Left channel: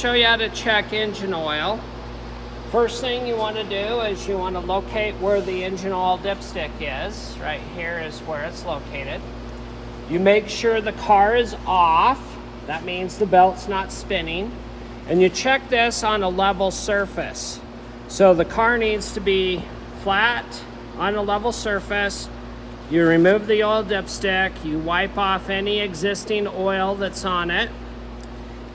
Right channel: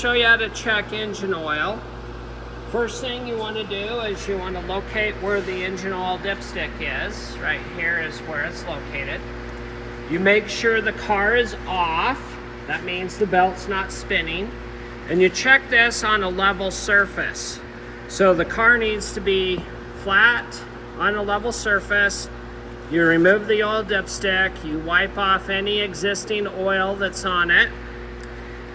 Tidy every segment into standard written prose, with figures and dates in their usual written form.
Show you how to check engine oil. First thing you want to do is you want to locate where the engine oil dipstick is. Right here is where it's located. You make sure the car is off. That means the belt's not spinning. And you check this on a level surface. So the car needs to be flat on a level surface. You remove the oil dipstick. You wipe off any existing oil that's on it.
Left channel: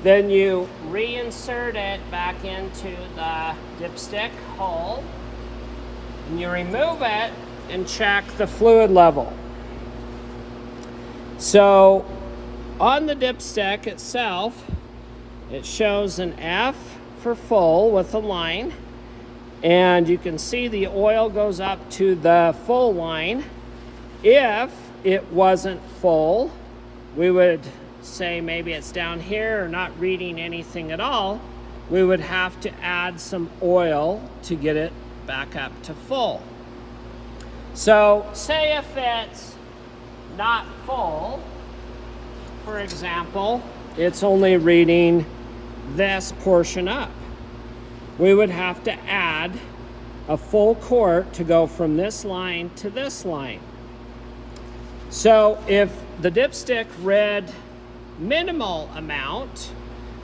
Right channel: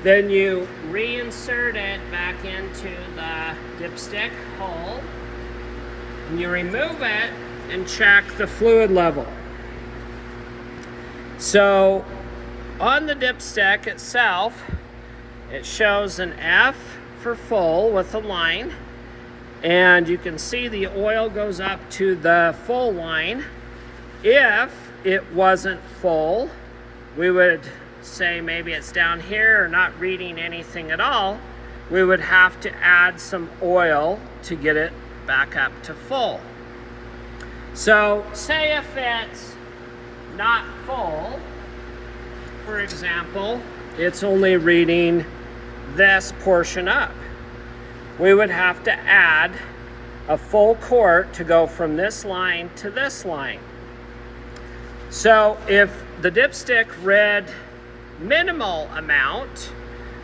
Then you reinsert it back into the dipstick hole, and you remove it and check the fluid level. So on the dipstick itself, it shows an F for full with a line, and you can see the oil goes up to the full line. If it wasn't full, we would say maybe it's down here or not reading anything at all, we would have to add some oil to get it back up to full. So say if it's not full, for example, it's only reading this portion up. We would have to add a full quart to go from this line to this line. So if the dipstick read minimal amount,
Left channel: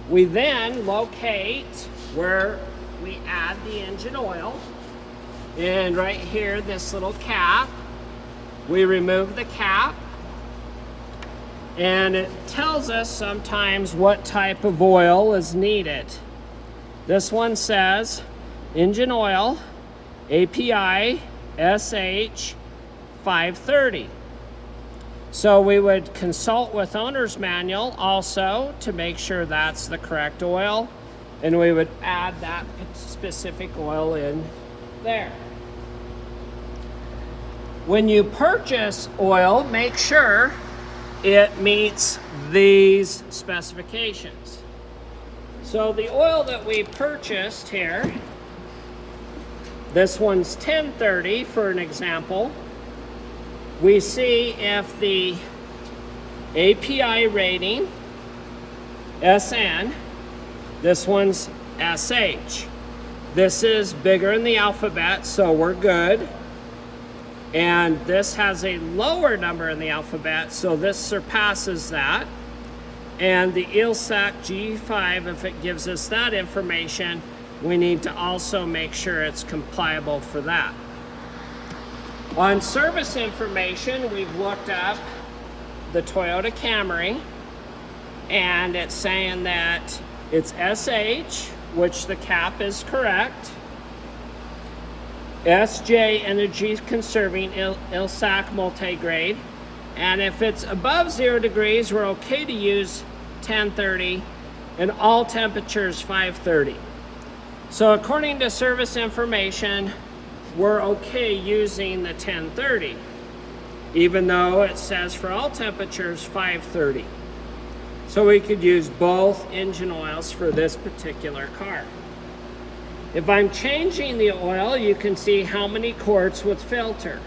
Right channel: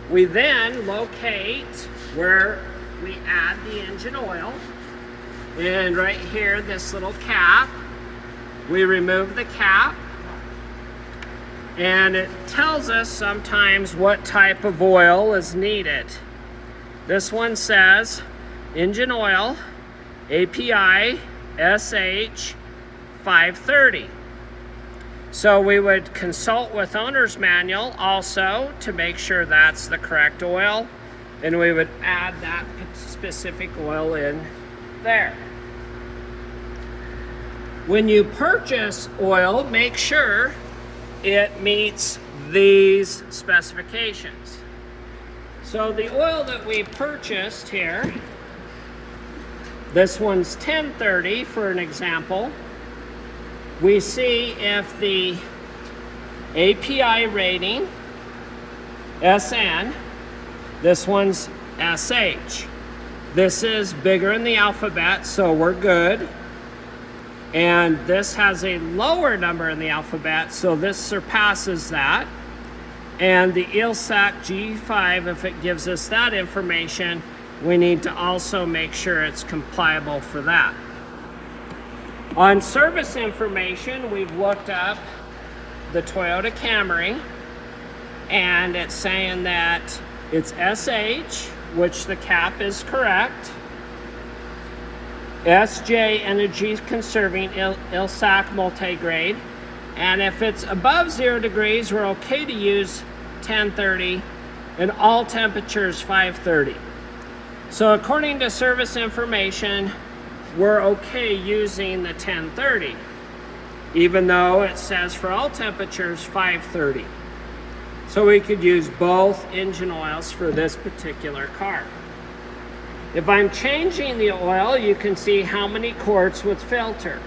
we then locate where we add the engine oil, and right here, this little cap, we remove the cap, and it tells us sometimes what type of oil is needed. This one says engine oil API SH 530. So we would consult with owner's manual also to make sure that's the correct oil, and we would add that specific oil in there. When you purchase oil, make sure it meets these specifications. So the oil that we purchased here, this one's 1030 for an example. We see if the API rating, SN, this one's SH. This is bigger in the alphabet, so we're good. And this has a lower number in the alphabet, so this surpasses that. And the ILSAC G5, if it gives us that information, we need to also make sure it's compliable for that. On service information, we've looked up the Toyota Camry, and it's saying that it's SH, which the cap is correct. SJ, energy conserving, ILSAC multigrade. And if it's above 0 degrees, we're okay to use 1030, and all temperatures 530. So according to service information, we're okay using the 1030, even though it says for all temperatures 530. So we could use both engine oils for this particular car. If I'm changing the oil, you can see how many quarts with filter.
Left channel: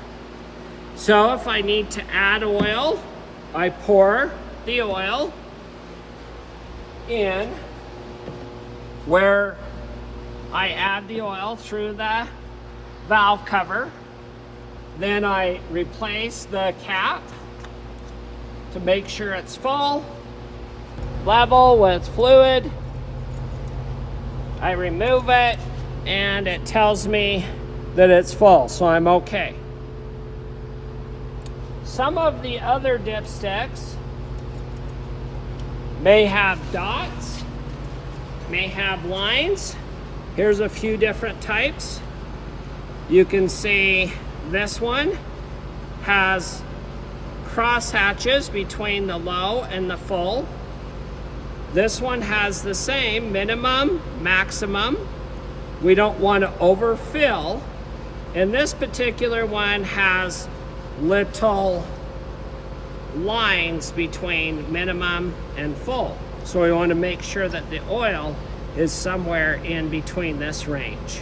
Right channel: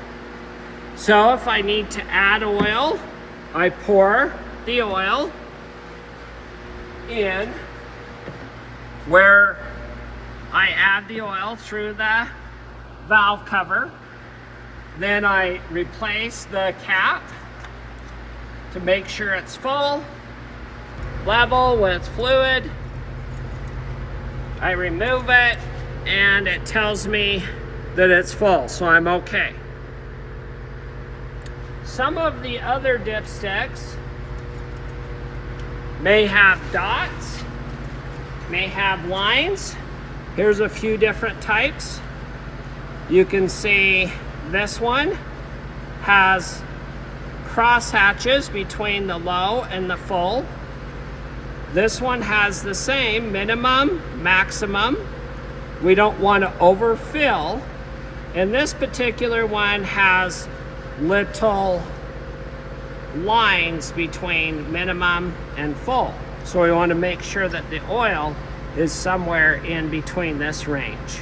So if I need to add oil, I pour the oil in where I add the oil through the valve cover. Then I replace the cap to make sure it's full, level with fluid. I remove it, and it tells me that it's full, so I'm okay. Some of the other dipsticks may have dots, may have lines. Here's a few different types. You can see this one has cross hatches between the low and the full. This one has the same minimum, maximum. We don't want to overfill. And this particular one has little lines between minimum and full. So we want to make sure that the oil is somewhere in between this range.